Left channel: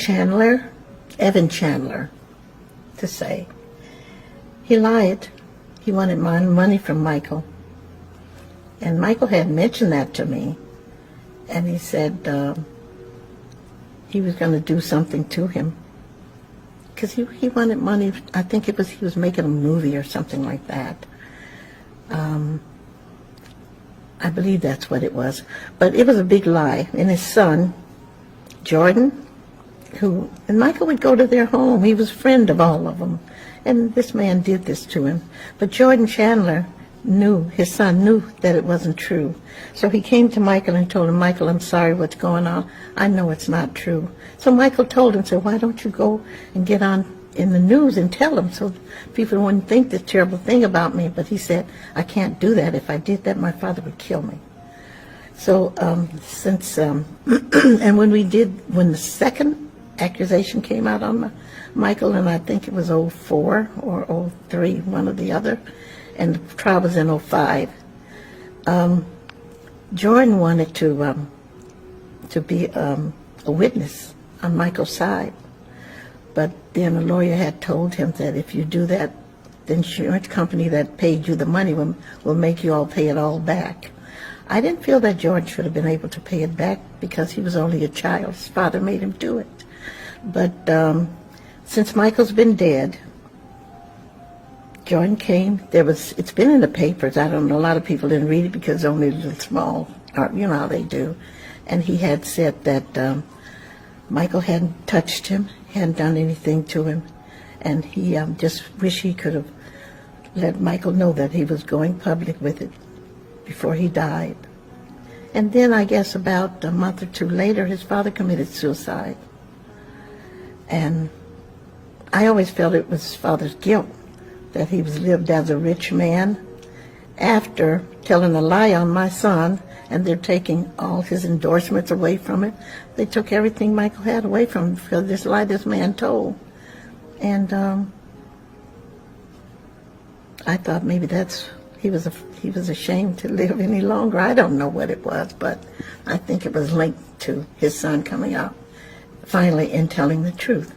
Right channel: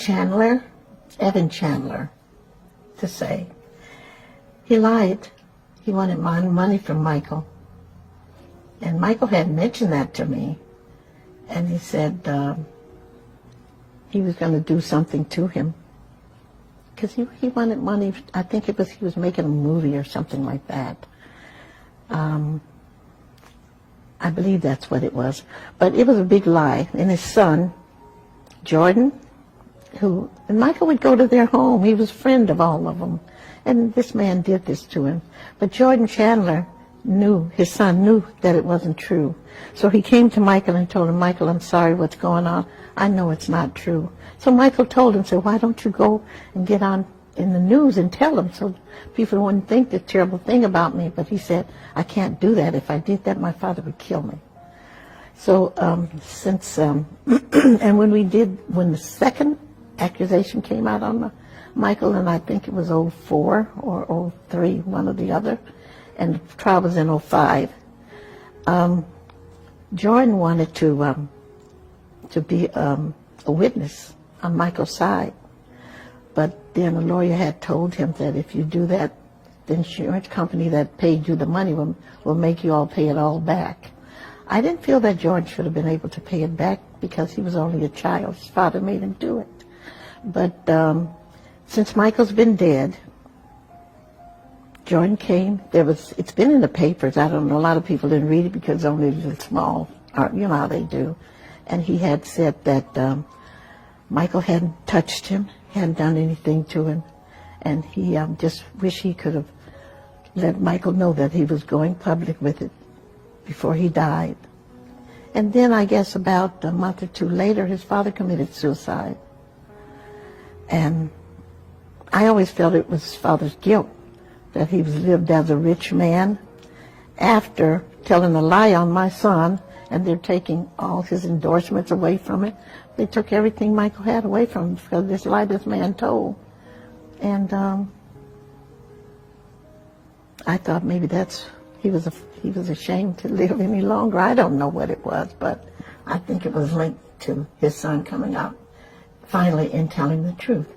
Chandler, Evan Chandler, to say. He lied. He wanted money from Michael. And Michael had mentioned that to me. And he said he was going to do something to him. Because he wanted money. I think he was making a movie or something like that. I believe that's what it was. But it was a big lie. And his son, Jordan, and Michael would go to their home. He was a friend of all of them. And this man did this to him. But Jordan Chandler his son knew that it wasn't true. So he came to Michael and told him, Michael, I'm sorry what's going on. I know it's not true. So Michael told him, said, why don't you go and get on in the news and tell them so people wouldn't think this terrible thing about me. But he said, I can't do that. If I did that, my father would kill me. So and when the second accusation came out on Michael, and I think it was 04 or 03, one or the other, and the trial was in 05, Jordan wanted to be a witness on Michael's side. But then a lawyer had told him that if you do that, the insurance company that paid you the money will make you all pay it all back. I didn't feel that George should have been able to pay it back because he was only a child. His father made him do it. But since Michael's been dead, Jordan came. It's been in the papers. I don't know. A lot of people didn't read it because it's only a little small. You know how they do. And he had said that Michael hadn't touched him, hadn't done anything to him, and he just wished he could have let Michael know that he was going public with it before he died. And then I guess about a month or two later, his father committed suicide. And I always felt it was his father's guilt, that he was lived as a rich man after telling a lie on my son, and they're taking all his endorsements away from it. They took everything Michael had away from him because this lie this man told. And I thought maybe he was ashamed to live any longer. I don't know what it was, but I think it was linked to his son coming out finally and telling the truth.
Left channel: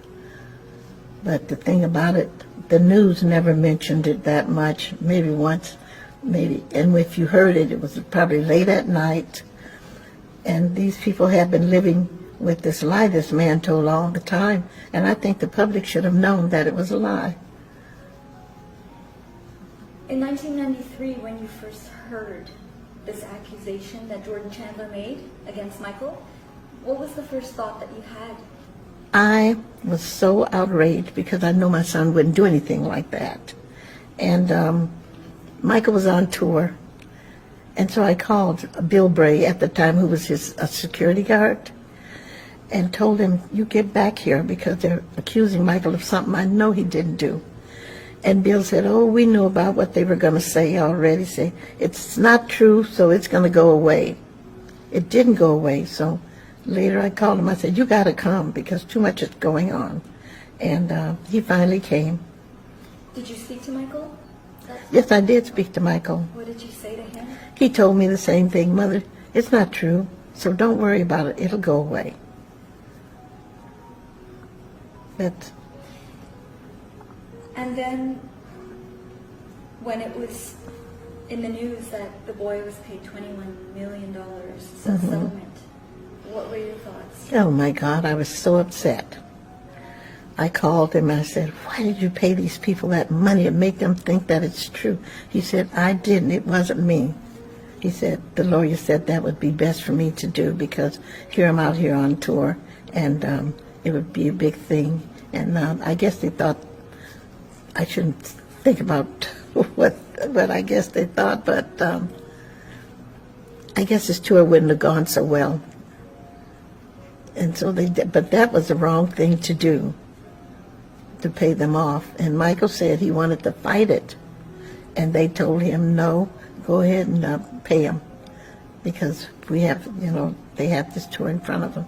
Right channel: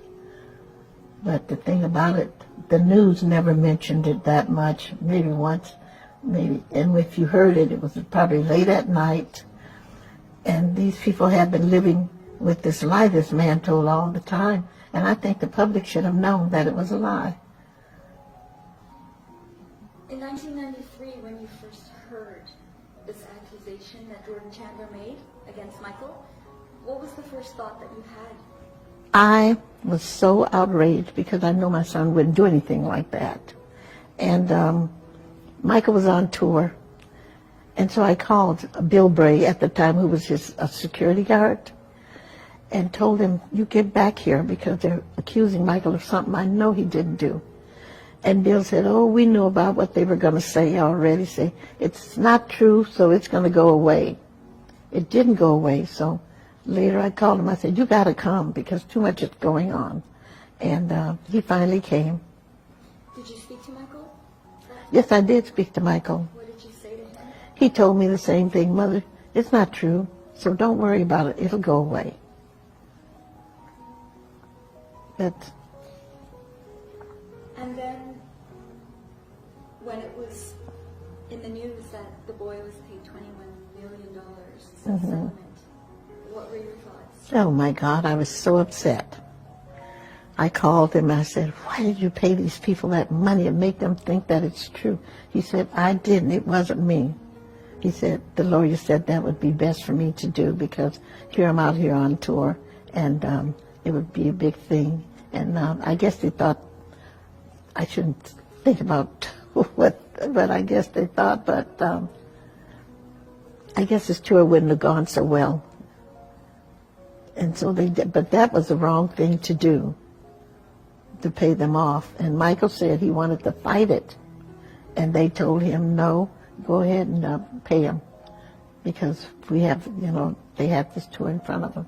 But the thing about it, the news never mentioned it that much, maybe once, maybe. And if you heard it, it was probably late at night. And these people have been living with this lie this man told all the time. And I think the public should have known that it was a lie. In 1993, when you first heard this accusation that Jordan Chandler made against Michael, what was the first thought that you had? I was so outraged because I knew my son wouldn't do anything like that. And Michael was on tour. And so I called Bill Bray at the time, who was his security guard, and told him, you get back here because they're accusing Michael of something I know he didn't do. And Bill said, oh, we knew about what they were going to say already. Say, it's not true, so it's going to go away. It didn't go away, so later I called him. I said, you got to come because too much is going on. And he finally came. Did you speak to Michael? Yes, I did speak to Michael. What did you say to him? He told me the same thing, Mother, it's not true, so don't worry about it. It'll go away. And then when it was in the news that the boy was paid $21 million as a settlement, what were your thoughts? Oh my God, I was so upset. I called him and I said, why did you pay these people that money and make them think that it's true? He said, I didn't, it wasn't me. He said, the lawyer said that would be best for me to do because here I'm out here on tour and it would be a big thing. And I guess they thought I shouldn't think about what I guess they thought, but I guess his tour wouldn't have gone so well. And so they did, but that was the wrong thing to do, to pay them off. And Michael said he wanted to fight it. And they told him, no, go ahead and pay him because we have, they have this tour in front of them.